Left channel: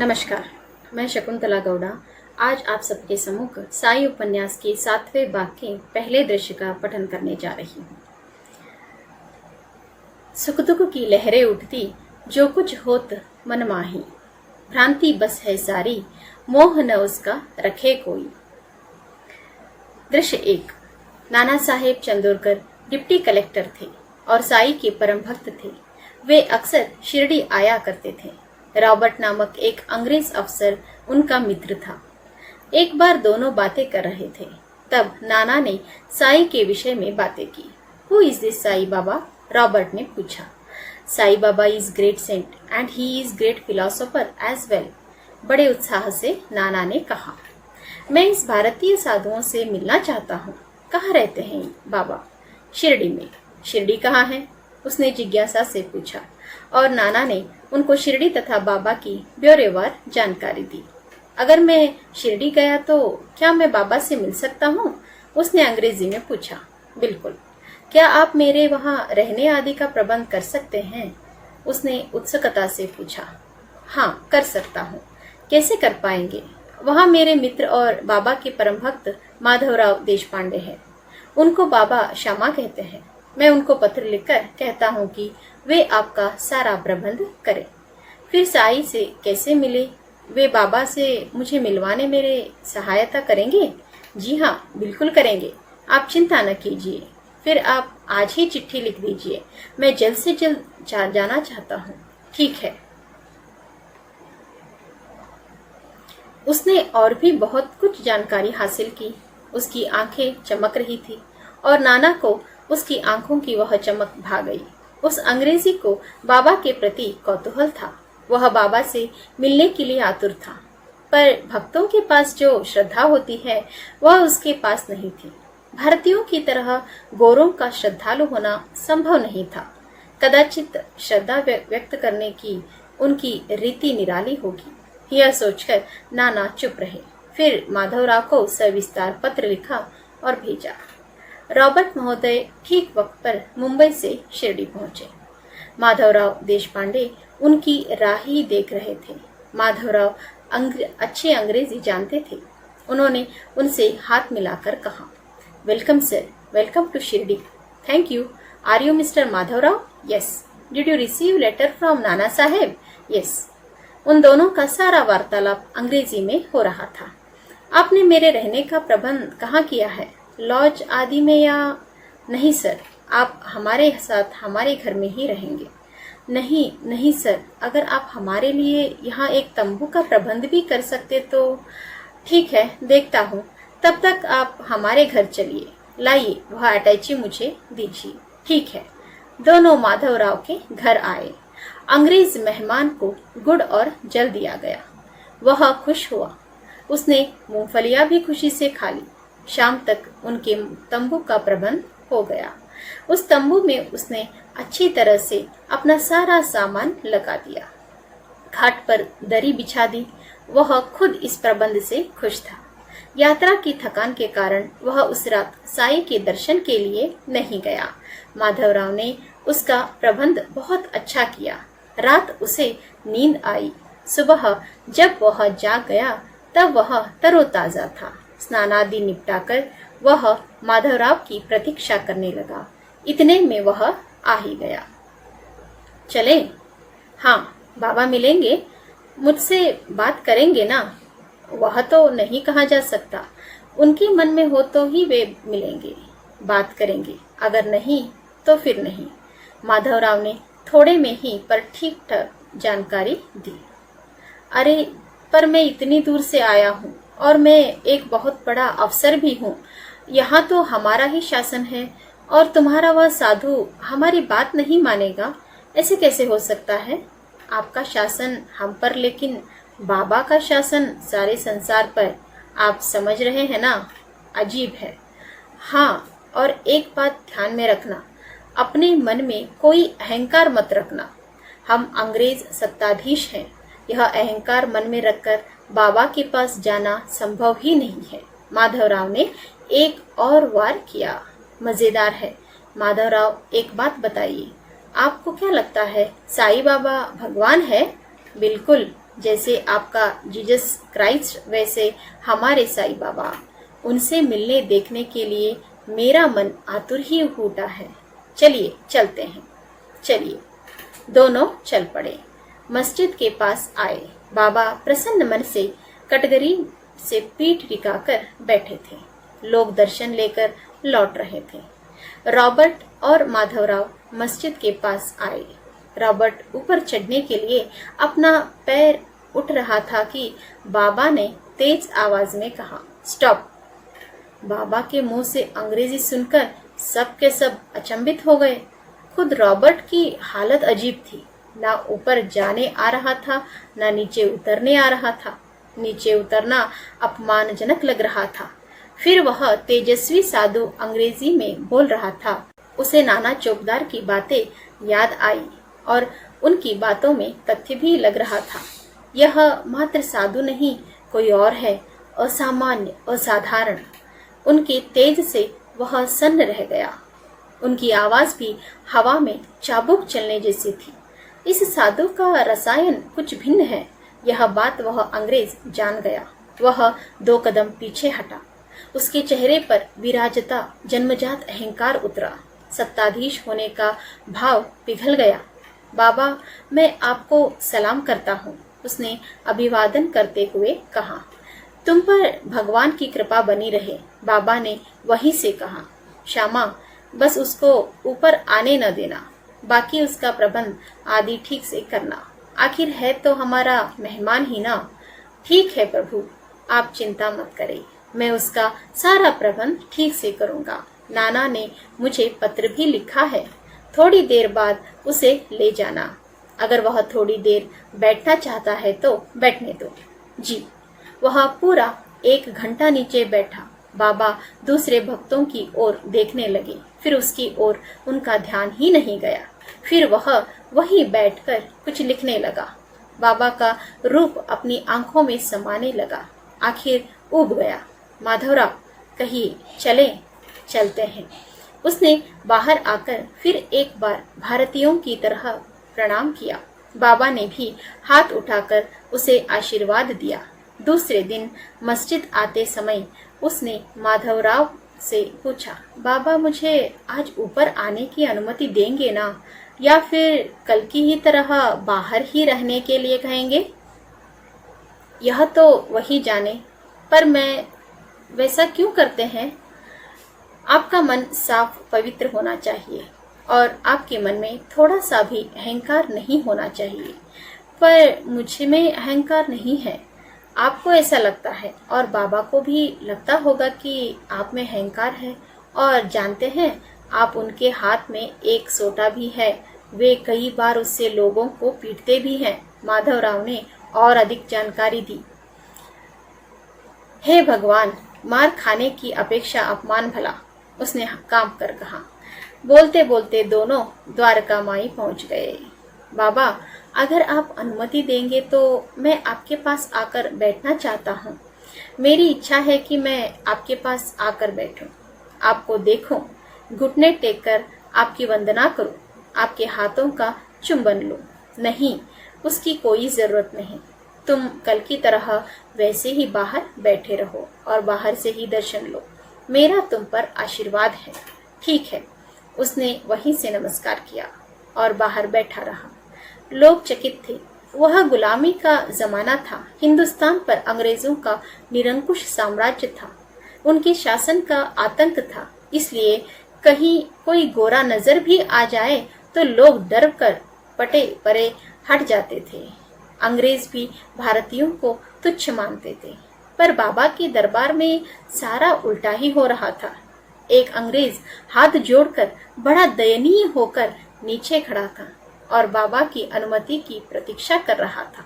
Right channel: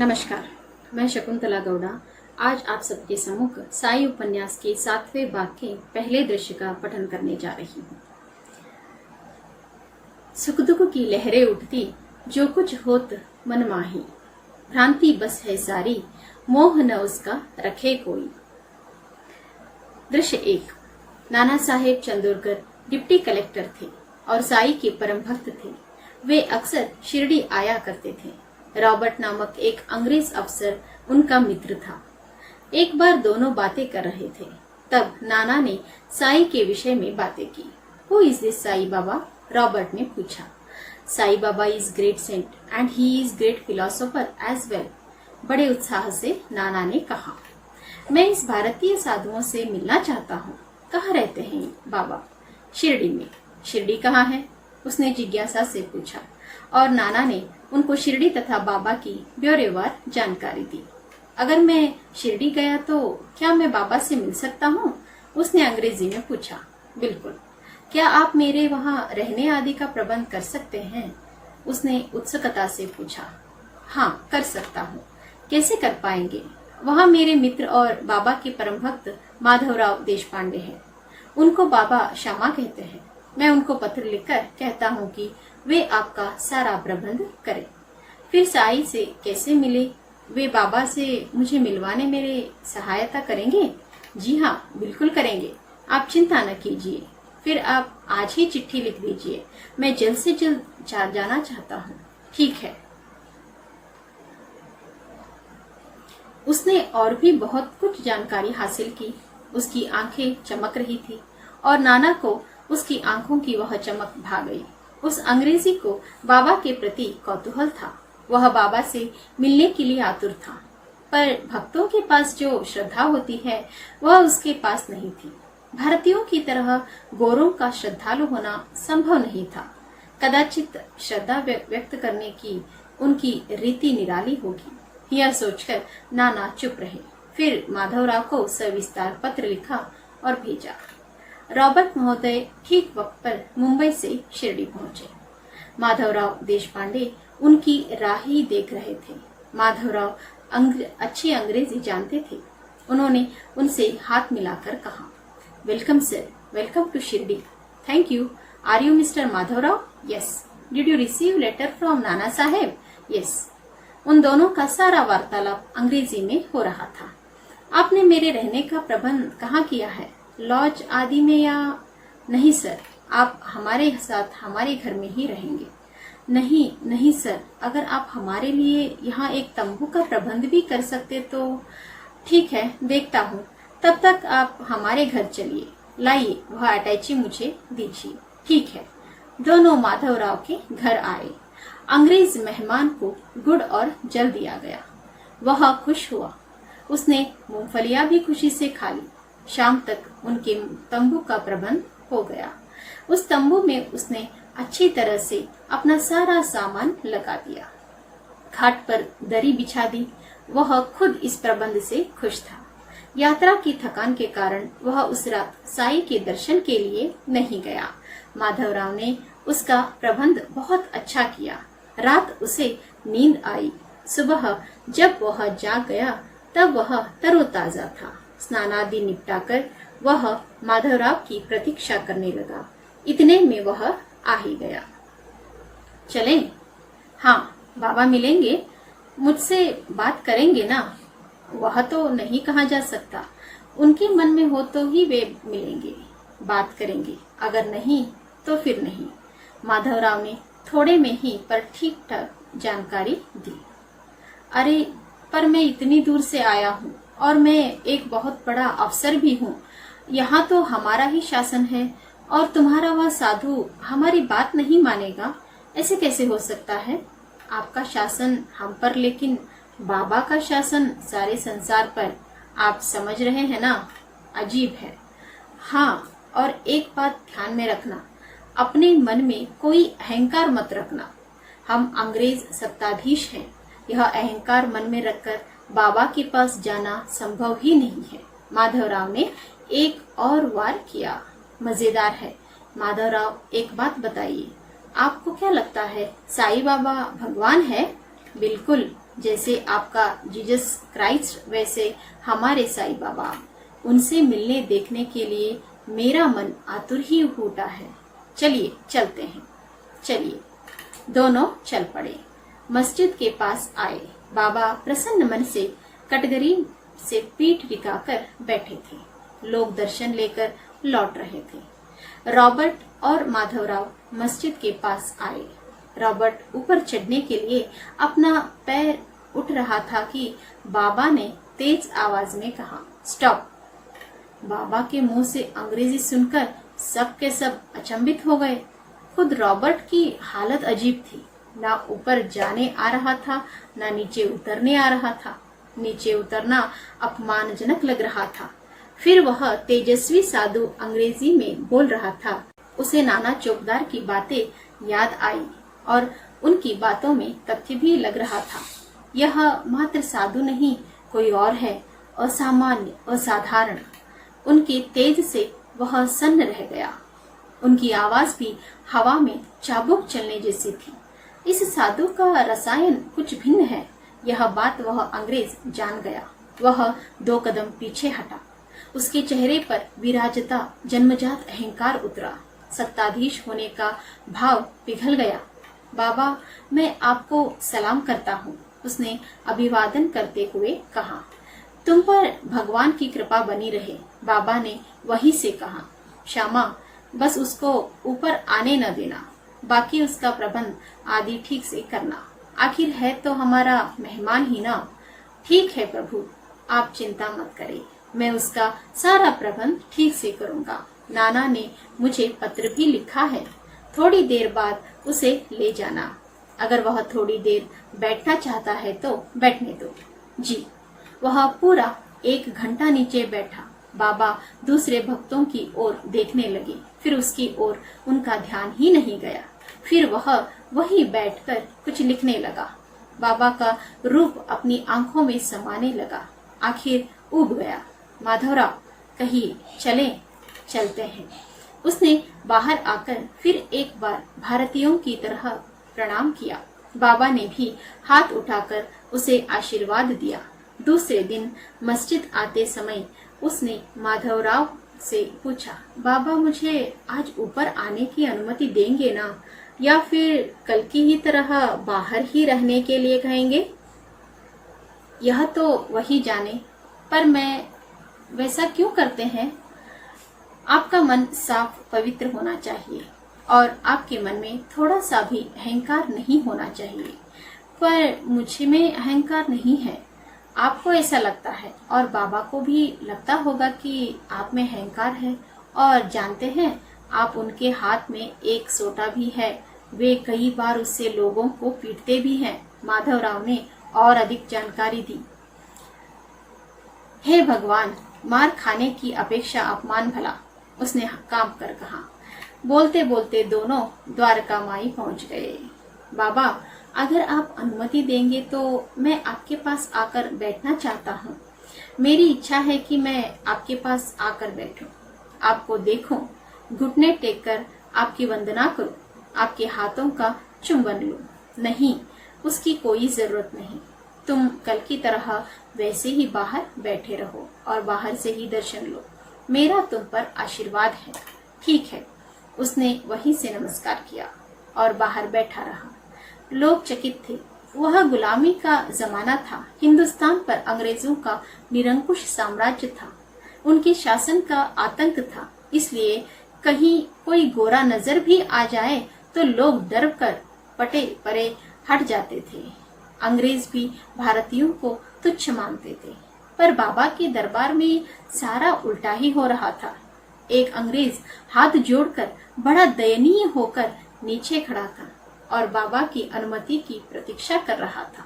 नमस्कार, मैं शकुंतला गौड़ा आज आप सबके सम्मुख साई उपन्यास के 7वें भाग के पहले दृश्य का पठन करने जा रही हूँ। सुख दुख की लहरें उठती, जो कुछ होत मन माही, भ्रांति बस है सारी, मोह न उसका रखे कोई। दृश्य 1। नाना साहेब चंदोरकर डिप्टी कलेक्टर थे और साई के परम भक्त थे। वे अक्सर शिरडी आया करते थे। रॉबर्ट नामक एक अंग्रेज अफसर उनका मित्र था। एक बार दोनों बातें कर रहे थे, तब नाना ने साई के विषय में बातें की। Who is this Sai Baba? Robert ने पूछा। Sai Baba is great saint and he is great philosopher as well. बड़े उत्साह से नाना ने कहा। मैं इस भारतीय साधुओं से मिलना चाहता हूँ। कहाँ रहते हैं बाबा? शिरडी में। शिरडी कहाँ है? उसने जिज्ञासा से पूछा और नाना ने उनको शिरडी तथा बाबा की ब्यौरेवार जानकारी दी। अगर मैं शिरडी गया तो क्या मैं बाबा से मिल सकता हूँ? उसने अंग्रेजी में पूछा। बिल्कुल। क्या आप मेरे वहाँ रहने आदि का प्रबंध कर सकते हैं? उसने उत्सुकता से पूछा। हाँ, कर सकता हूँ। कैसे कर पाएंगे? वहाँ मेरे मित्र और बाबा के परम भक्त माधवराव देशपांडे हैं। उनको बाबा श्यामा कहते हैं। मैं उनको पत्र लिखकर कहता हूँ कि वे आपका सारा प्रबंध करें। फिर साई से कैसे मिले? वे बाबा से मुझे मिलवाने मेरे सहायता करेंगे? जी हाँ, बिल्कुल करेंगे। आप चिंता न कीजिए। फिर आप आज ही चिट्ठी लिख दीजिए। मैं जल्द से जल्द जाना चाहता हूँ। ठीक है। उसने और भी बहुत कुछ जानकारी हासिल की। उसकी आंखें चमक रही थी और नाना को उसकी आंखों की वह चमक भा गई। उस अंग्रेजी को बाबा के प्रति कौतूहल था। वह बाबा से मिलने के लिए आतुर था, पर भक्तों के पास जो श्रद्धा होती है वह उसके पास नहीं थी। भारतीयों की तरह गोरों का श्रद्धालु होना संभव नहीं था। कदाचित श्रद्धा व्यक्त करने की उनकी रीति निराली होगी। यह सोचकर नाना चुप रहे। फिर माधवराव को सविस्तार पत्र लिखा और भेजा। रॉबर्ट महोदय ठीक वक्त पर मुंबई से शिरडी पहुंचे। माधवराव देशपांडे उनकी राह ही देख रहे थे। माधवराव अच्छे अंग्रेजी जानते थे। उन्होंने उनसे हाथ मिलाकर कहा, welcome sir, welcome to Shirdi. Thank you. Are you mister Madhavrao? Yes. Did you receive letter from Nana Saheb? Yes. उन दोनों का सारा वार्तालाप अंग्रेजी में हो रहा था। आपने मेरे रहने का प्रबंध कहाँ किया है? लॉज आदि में या? नहीं सर, आप हमारे साथ हमारे घर में ही रहेंगे। नहीं नहीं सर, अगर आप हमारे लिए यहाँ एक तंबू का प्रबंध भी कर सकते तो। ठीक है, देखता हूँ। तब तक आप हमारे घर चलिए। लाइए, वह अटैची मुझे दीजिए। ठीक है। दोनों माधवराव के घर आए। अंग्रेज मेहमान को गुड़ और जल दिया गया। वह खुश हुआ। उसने मूंगफलियां भी खुशी से खा ली। शाम तक उनके तंबू का प्रबंध हो गया। उस तंबू में उसने अच्छी तरह से अपना सारा सामान लगा दिया। घाट पर दरी बिछा दी। वह खुद इस प्रबंध से खुश था। यात्रा की थकान के कारण वह उस रात साई के दर्शन के लिए नहीं गया। माधवराव ने उसका प्रबंध बहुत अच्छा किया। रात उसे नींद आई। सुबह जब वह जाग गया तब वह तरोताजा था। स्नानादि निपटाकर वह माधवराव की प्रतीक्षा करने लगा। इतने में वह आ ही गया। चले? हाँ, बाबा मिलेंगे, मुझसे बात करेंगे ना? वह तो नहीं कहा जा सकता। उनके मन में हो तो ही वे मिलेंगे, बात करेंगे। अगर नहीं तो फिर नहीं। माधवराव ने थोड़े में ही पर ठीक ठाक जानकारी दी। अरे, पर मैं इतनी दूर से आया हूँ और मैं एक बहुत बड़ा अफसर भी हूँ। यहाँ तो हमारा ही शासन है और तुम्हारा वह साधु हमारी बात नहीं मानेगा। ऐसे कैसे हो सकता है? आपका शासन हम पर, लेकिन बाबा का शासन सारे संसार पर। आप समझ रहे हैं ना? अजीब है। हाँ, और एक बात ध्यान में रखना, अपने मन में कोई अहंकार मत रखना। हम अंग्रेज सत्ताधीश हैं। यह अहंकार मन में रखकर बाबा के पास जाना संभव ही नहीं है। माधवराव ने एक और वार किया। मजेदार है। माधवराव, एक बात बताइए, आपको क्या लगता है साई बाबा भगवान है? बिल्कुल, जैसे आपका जीसस क्राइस्ट वैसे हमारे साईं बाबा। उनसे मिलने देखने के लिए मेरा मन आतुर ही उठा है। चलिए चलते हैं। चलिए। दोनों चल पड़े। मस्जिद के पास आए। बाबा प्रसन्न मन से कटघरी से पीठ टिकाकर बैठे थे। लोग दर्शन लेकर लौट रहे थे। रॉबर्ट और माधवराव मस्जिद के पास आए। रॉबर्ट ऊपर चढ़ने के लिए अपना पैर उठ रहा था कि बाबा ने तेज आवाज में कहा, स्टॉप। बाबा के मुंह से अंग्रेजी सुनकर सब के सब अचंभित हो गए। खुद रॉबर्ट की हालत अजीब थी। ना ऊपर जाने आ रहा था, ना नीचे उतरने आ रहा था। नीचे उतरना अपमानजनक लग रहा था। फिर वह तेजस्वी साधु अंग्रेजी में बोल रहा था। उसे नाना चौकीदार की बातें याद आई और उनकी बातों में तथ्य भी लग रहा था। यह मात्र साधु नहीं, कोई और है, असामान्य, असाधारण। उनके तेज से वह सन्न रह गया। उनकी आवाज भी हवा में चाबुक चलने जैसी थी। इस साधु का रसायन कुछ भिन्न है, यह बात वह अंग्रेज जान गया। वह 2 कदम पीछे हटा। उसके चेहरे पर विराजता जन्मजात अहंकार उतरा। सत्ताधीश होने का भाव पिघल गया। बाबा, मैं आपको सलाम करता हूँ, उसने अभिवादन करते हुए कहा। तुम पर भगवान की कृपा बनी रहे, बाबा ने वहीं से कहा। श्यामा, बस उसको ऊपर आने न देना, बाकी उसका प्रबंध आदि ठीक से करना। आखिर है तो हमारा मेहमान ही ना। ठीक है प्रभु, आप चिंता मत करें, मैं उसका सारा प्रबंध ठीक से करूँगा। नाना ने मुझे पत्र भी लिखा है, थोड़ी देर बाद उसे ले जाना। अगर वह थोड़ी देर बैठना चाहता है तो बैठने दो। जी। वह पूरा 1 घंटा नीचे बैठा। बाबा दूसरे भक्तों की ओर देखने लगे, फिर उसकी ओर उनका ध्यान ही नहीं गया। फिर वह वहीं बैठकर कुछ लिखने लगा। बाबा का रूप अपनी आंखों में समाने लगा। आखिर उब गया। माधवराव, कहिए, चलें? चलते हैं। उसने बाहर आकर फिर एक बार भारतीयों की तरह प्रणाम किया। बाबा ने भी हाथ उठाकर उसे आशीर्वाद दिया। दूसरे दिन मस्जिद आते समय उसने माधवराव से पूछा, बाबा मुझे आज ऊपर आने की अनुमति देंगे ना, या फिर कल की ही तरह बाहर ही रहने के लिए कहेंगे? यह तो वही जाने, पर मैं वैसा क्यों करते हैं? आपका मन साफ पवित्र होना चाहिए और आपके मन में थोड़ा सा भी अहंकार नहीं होना चाहिए। पर मुझे में अहंकार नहीं है। आपको ऐसा लगता है और बाबा को भी लगता होगा कि आप में अहंकार है। और जानते हैं, आप उनके हाथ में एक सोटा भी है। वे कई बार उससे लोगों को पीटते भी हैं। माधवराव ने और अधिक जानकारी दी। हे भगवान, मार खाने की अपेक्षा अपमान भला, उसने काम कर कहा। बोलते बोलते दोनों द्वारका माई पहुंच गए। बाबा, अगर आप अनुमति देंगे तो मैं आपके पास आकर बैठना चाहता हूँ। मेरी इच्छा है कि मैं आपके पास आकर बैठूं, आपको देखूं, घुटने टेक कर आपकी वंदना करूं, आपके हाथों का चुंबन लूं। नहीं, उसकी कोई जरूरत नहीं। तुम कल की तरह वैसे ही बाहर बैठे रहो और बाहर से ही दर्शन लो। मेरा तुम पर आशीर्वाद है। ठीक है। उसने वहीं से नमस्कार किया और बाहर बैठा रहा। लोग चकित थे। वह गुलामी का जमाना था। हिंदुस्तान पर अंग्रेजों का निरंकुश साम्राज्य था। उनके शासन का आतंक था। इसलिए कहीं कोई गोरा नजर भी आ जाए तो लोग डर कर पटे परे हट जाते थे। अंग्रेज भी भारतीयों को तुच्छ मानते थे। पर बाबा के दरबार में सारा उल्टा ही हो रहा था। एक अंग्रेज हाथ जोड़कर बड़ा दयनीय होकर नीचे खड़ा था और बाबा की अनुमति की प्रतीक्षा कर रहा था।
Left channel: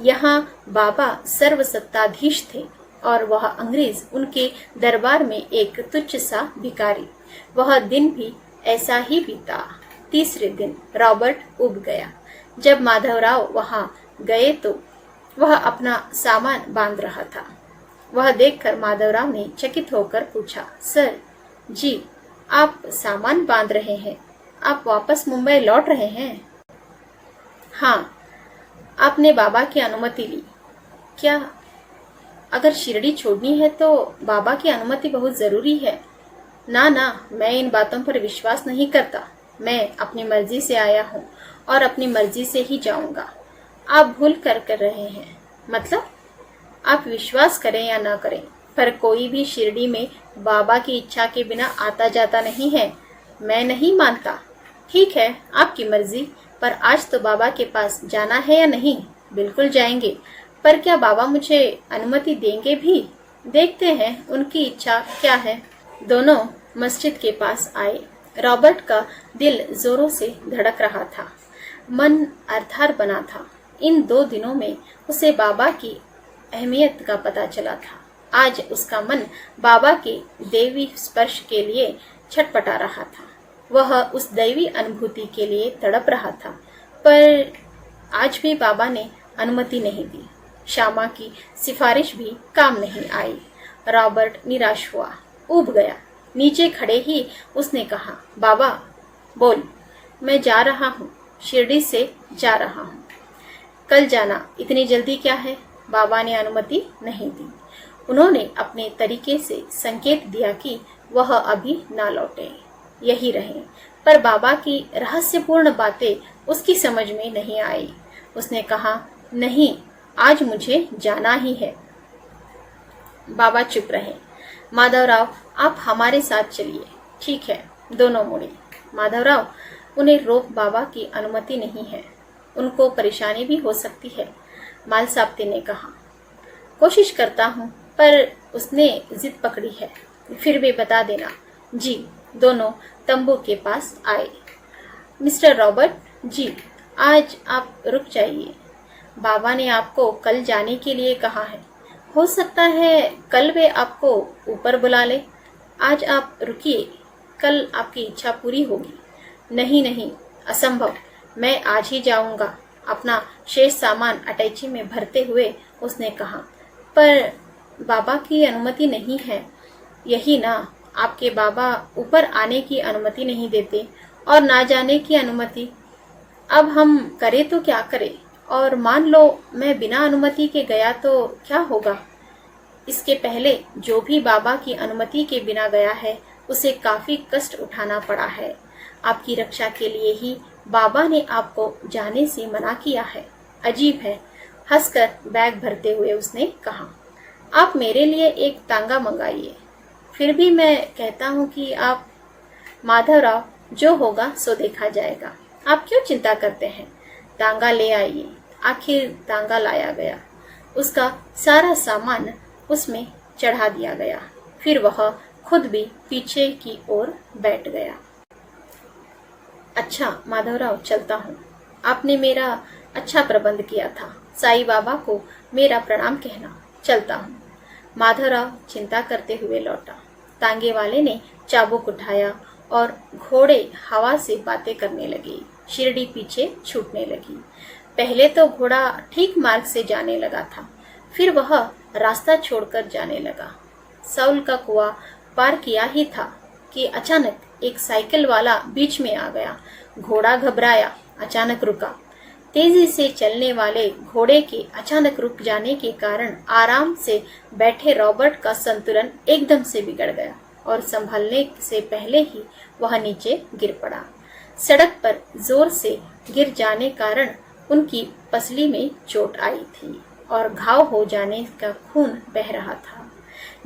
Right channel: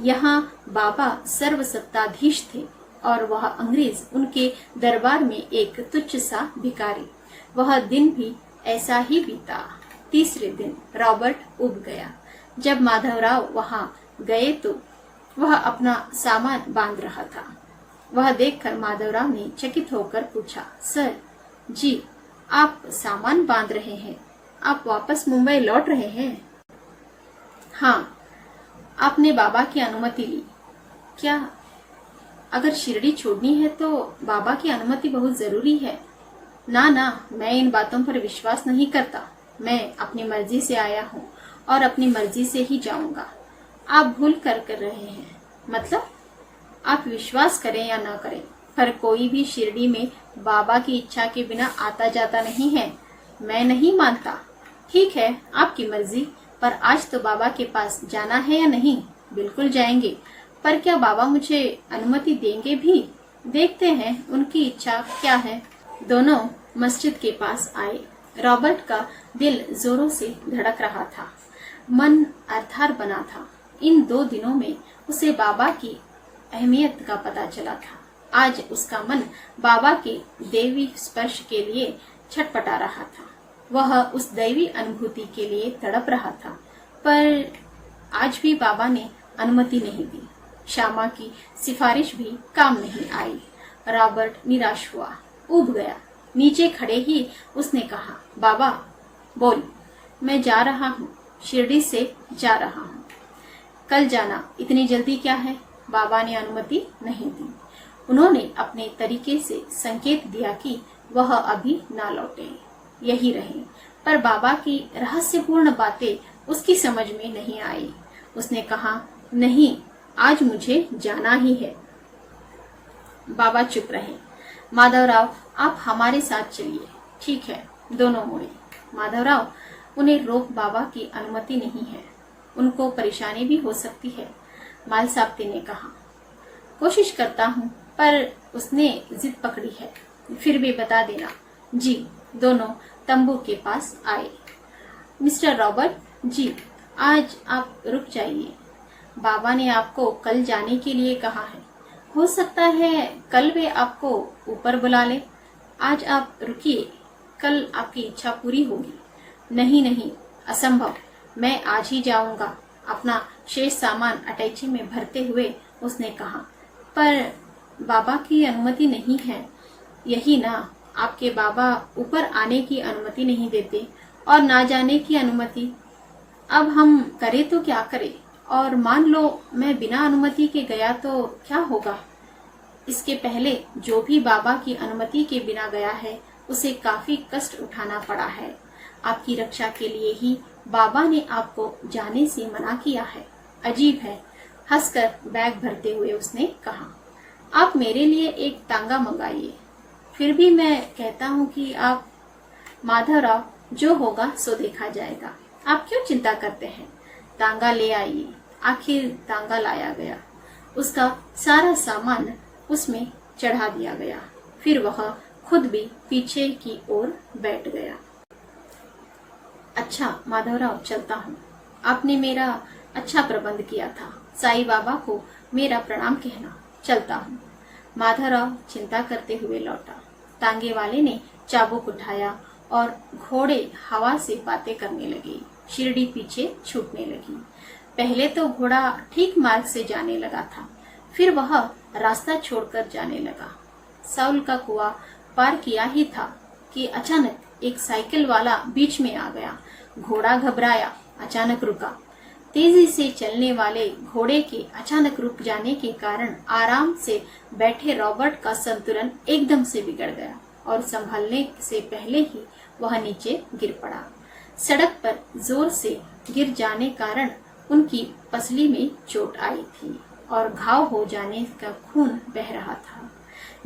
यहाँ बाबा सर्वसत्ताधीश थे और वह अंग्रेज उनके दरबार में एक तुच्छ सा भिखारी। वह दिन भी ऐसा ही बीता। तीसरे दिन रॉबर्ट उब गया। जब माधवराव वहां गए तो वह अपना सामान बांध रहा था। वह देखकर माधवराव ने चकित होकर पूछा, सर जी, आप सामान बांध रहे हैं? आप वापस मुंबई लौट रहे हैं? हाँ। आपने बाबा की अनुमति ली क्या? अगर शिरडी छोड़नी है तो बाबा की अनुमति बहुत जरूरी है। ना ना, मैं इन बातों पर विश्वास नहीं करता। मैं अपनी मर्जी से आया हूँ और अपनी मर्जी से ही जाऊंगा। आप भूल कर रहे हैं। मतलब? आप विश्वास करें या ना करें, पर कोई भी शिरडी में बाबा की इच्छा के बिना आता जाता नहीं है। मैं नहीं मानता। ठीक है, आपकी मर्जी, पर आज तो बाबा के पास जाना है या नहीं? बिल्कुल जाएंगे, पर क्या बाबा मुझे अनुमति देंगे भी? देखते हैं उनकी इच्छा क्या है। दोनों मस्जिद के पास आए। रॉबर्ट का दिल जोरों से धड़क रहा था, मन अर्थार बना था। इन 2 दिनों में उसे बाबा की अहमियत का पता चला था। आज उसका मन बाबा के देवी स्पर्श के लिए छटपटा रहा था। वह उस दैवी अनुभूति के लिए तड़प रहा था, पर आज भी बाबा ने अनुमति नहीं दी। श्यामा की सिफारिश भी काम नहीं आई। रॉबर्ट निराश हुआ, ऊब गया। नीचे खड़े ही उसने कहा, बाबा बोल। मैं जा रहा हूँ, शिरडी से जा रहा हूँ। कल जाना, इतनी जल्दी क्या है? बाबा ने अनुमति नहीं दी। उन्होंने अपने तरीके से संकेत दिया कि वह अभी ना लौटे, यही रहे। पर बाबा की रहस्यपूर्ण बातें उसकी समझ में नहीं आई। उसने कहा, नहीं, आज मुझे जाना ही है। बाबा चुप रहे। माधवराव, आप हमारे साथ चलिए। ठीक है। दोनों मुड़े। माधवराव, उन्हें रोक बाबा की अनुमति नहीं है। उनको परेशानी भी हो सकती है, मालसाबते ने कहा। कोशिश करता हूँ, पर उसने जिद पकड़ी है। फिर भी बता देना। जी। दोनों तंबू के पास आए। मिस्टर रॉबर्ट जी, आज आप रुक जाइए। बाबा ने आपको कल जाने के लिए कहा है। हो सकता है कल वे आपको ऊपर बुला ले। आज आप रुकिए, कल आपकी इच्छा पूरी होगी। नहीं नहीं, असंभव। मैं आज ही जाऊंगा। अपना शेष सामान अटैची में भरते हुए उसने कहा। पर बाबा की अनुमति नहीं है। यही ना, आपके बाबा ऊपर आने की अनुमति नहीं देते और ना जाने की अनुमति। अब हम करें तो क्या करें? और मान लो मैं बिना अनुमति के गया तो क्या होगा? इसके पहले जो भी बाबा की अनुमति के बिना गया है, उसे काफी कष्ट उठाना पड़ा है। आपकी रक्षा के लिए ही बाबा ने आपको जाने से मना किया है। अजीब है। हंसकर बैग भरते हुए उसने कहा, आप मेरे लिए एक तांगा मंगाइए। फिर भी मैं कहता हूँ कि आप। माधवराव, जो होगा सो देखा जाएगा। आप क्यों चिंता करते हैं? तांगा ले आइए। आखिर तांगा लाया गया। उसका सारा सामान उसमें चढ़ा दिया गया। फिर वह खुद भी पीछे की ओर बैठ गया। अच्छा माधवराव, चलता हूँ। आपने मेरा अच्छा प्रबंध किया था। साईं बाबा को मेरा प्रणाम कहना। चलता हूँ। माधवराव चिंता करते हुए लौटा। तांगे वाले ने चाबुक उठाया और घोड़े हवा से बातें करने लगे। शिरडी पीछे छूटने लगी। पहले तो घोड़ा ठीक मार्ग से जाने लगा था, फिर वह रास्ता छोड़कर जाने लगा। साउल का कुआं पार किया ही था कि अचानक एक साइकिल वाला बीच में आ गया। घोड़ा घबराया, अचानक रुका। तेजी से चलने वाले घोड़े के अचानक रुक जाने के कारण आराम से बैठे रॉबर्ट का संतुलन एकदम से बिगड़ गया और संभलने से पहले ही वह नीचे गिर पड़ा। सड़क पर जोर से गिर जाने कारण उनकी पसली में चोट आई थी और घाव हो जाने का खून बह रहा था।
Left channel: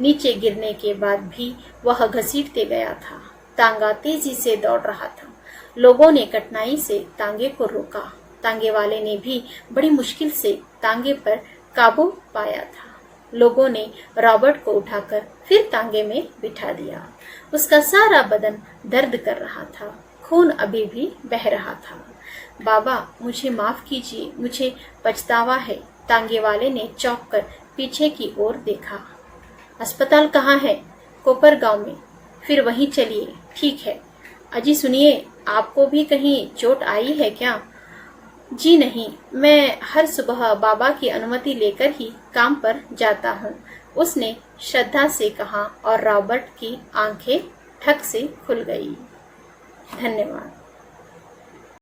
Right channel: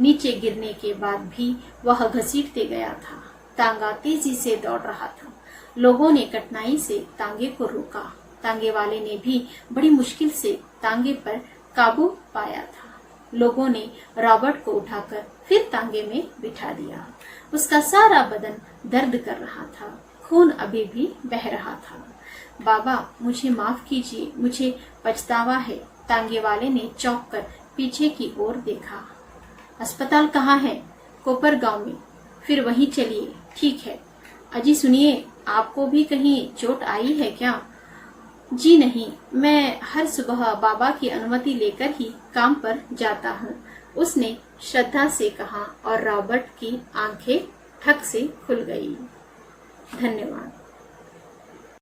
नीचे गिरने के बाद भी वह घसीटते गया था। तांगा तेजी से दौड़ रहा था। लोगों ने कठिनाई से तांगे को रोका। तांगे वाले ने भी बड़ी मुश्किल से तांगे पर काबू पाया था। लोगों ने रॉबर्ट को उठाकर फिर तांगे में बिठा दिया। उसका सारा बदन दर्द कर रहा था। खून अभी भी बह रहा था। बाबा, मुझे माफ कीजिए, मुझे पछतावा है। तांगे वाले ने चौंक कर पीछे की ओर देखा। अस्पताल कहाँ है? कोपर गांव में। फिर वहीं चलिए। ठीक है। अजी सुनिए, आपको भी कहीं चोट आई है क्या? जी नहीं, मैं हर सुबह बाबा की अनुमति लेकर ही काम पर जाता हूँ, उसने श्रद्धा से कहा और रॉबर्ट की आंखें ठक से खुल गई। धन्यवाद।